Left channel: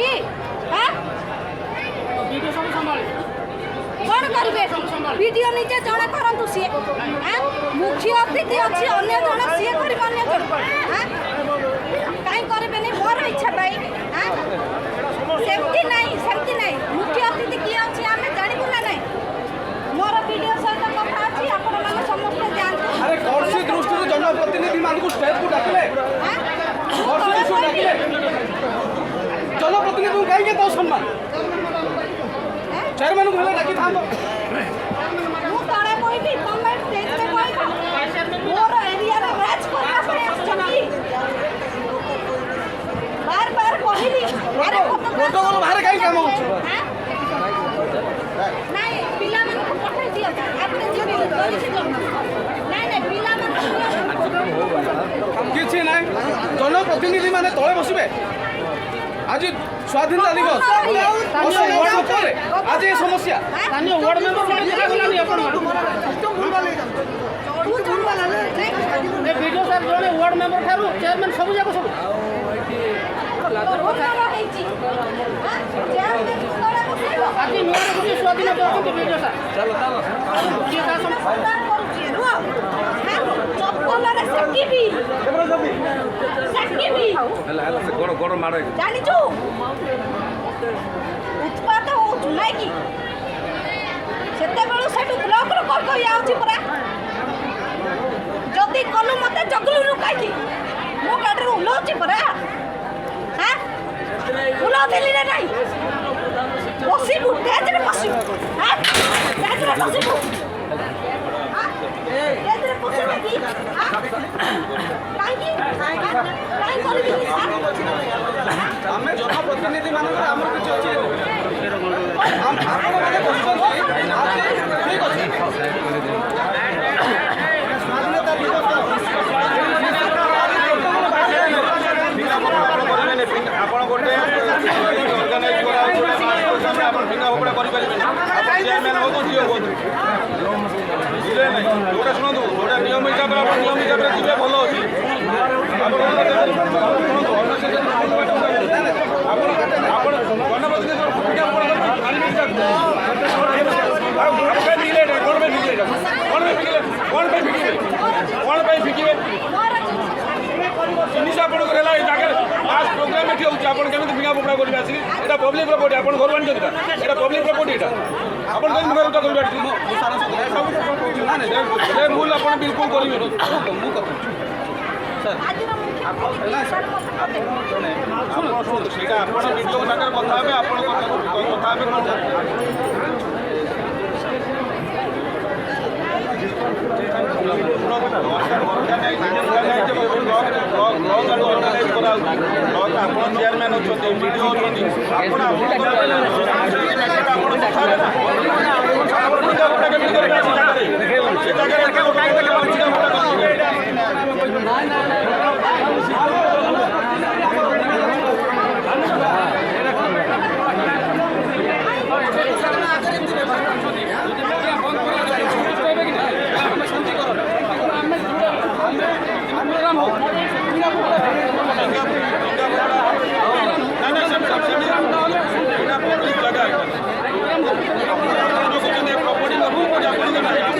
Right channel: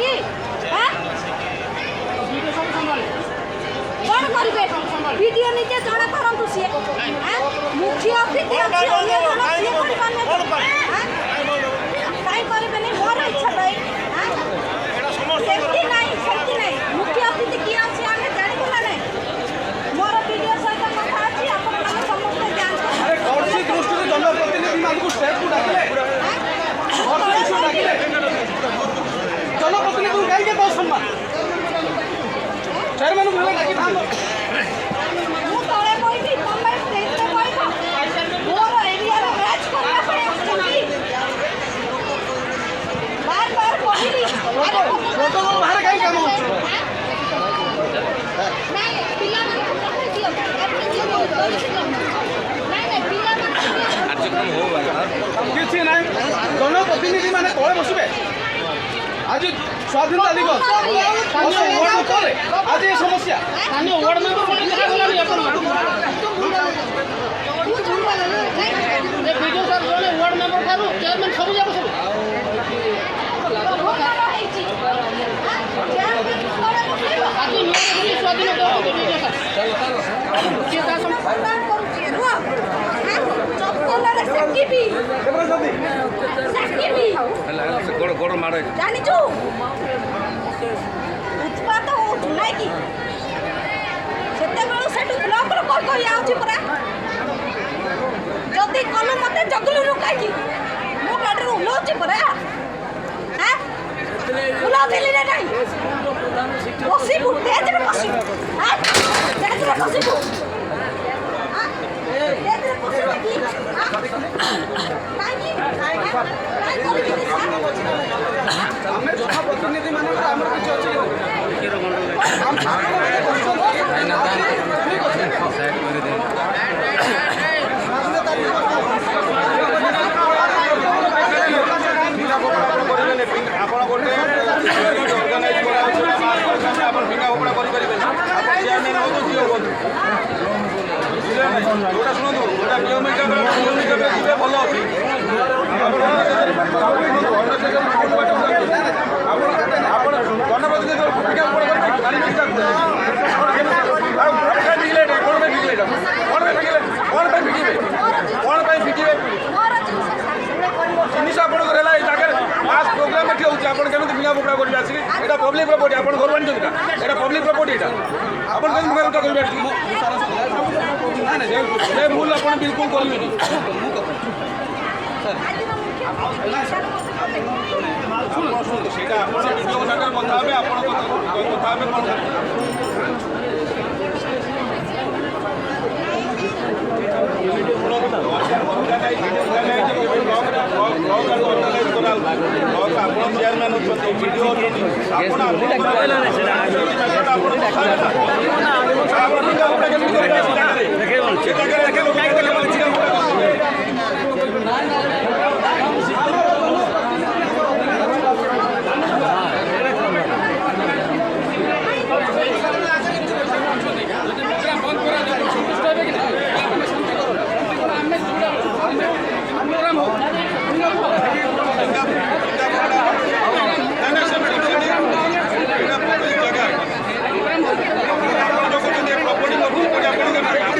कि कौन करेंगे वीडियो निजे जड़े करूँ सी मुख्य अतिथि अच्छी अन्य जन सी कर कहीं करें मोर इच्छा भाई सेफ्टी नहीं मुख्य अतिथि किए अच्छे आम जानू ना ना मोर वीडियो सहित कथा अच्छी आपण मैंने समस्त जनप्रतिनिधि कहीं दो सम्मान चेयरमैन को डाकी था मु तळे कोइबी तमे स्टेज पे कोइबो मोर एरिया रे राज करला पय आछी बार कहिली अरे प्रोटोकॉल बाहर कहीं काम होछ नहीं पिला मन को पठा दियो नहीं पिला मन कार्यक्रम हो किछि नहीं जनप्रतिनिधि माने तळे बसिबे आज स्वाधीनता दिवस आज ये समस्या स्थानीय वार्ड मेंबर को देखा गलानी आपण विजय सर जो वार्ड मेंबर थारु चेयरमैन सब जाको सब लाजर কথা आज नुआ रे स्वाधीनता दिवस को विजय सर चलो किए का सम्मान करूची रुआ चप्पल रे सकीबी गोड़ गोड़ मारे जानी छु उत्पात हो जुलाई की सेते बेलु सेटु ब्लॉक रो कोई आउची परा जदी कलु मते जगलु रुकाई की मो गाडी रो उलोची परा हां उलो देली रे नाही पसिबु तेज रे पसिबु हां तेज रे पसिबु हां तेज रे पसिबु की हां काई करबी की सर आमे जनप्रतिनिधि मानकर हमर किछ अछि हम ठीक अछि साइड कर दे फिंगा फोपड़ा आपण करिबेने आपण गोटे ऑर्गेनाइज करा छोटा मास प्रोग्राम में आपण फिंगा फोपड़ा करि परिबेने आपण चेयरमैन हो तो जियो बोलू बुझले नै जोटा सुनंदु जोटा नियम हिसाब रे जीवे भलो अछि आपण गणपति फिंगा फोपड़ा मानिबे जिनिस आपंकर है मास प्रोग्राम ये होती आप फिंगा फोपड़ा करेंगे आसिक यहाँ पब्लिक प्रॉपर्टी आप घर आनी यहाँ पब्लिक प्रॉपर्टी यहाँ आप फिंगा फोपड़ा करेंगे भूल आप बिल्कुल करेंगे शुणु से वीडियो सागर कथा चेयरमैन अच्छा वीडियो पब्लिक जगह प्रॉपर्टी प्रॉपर्टी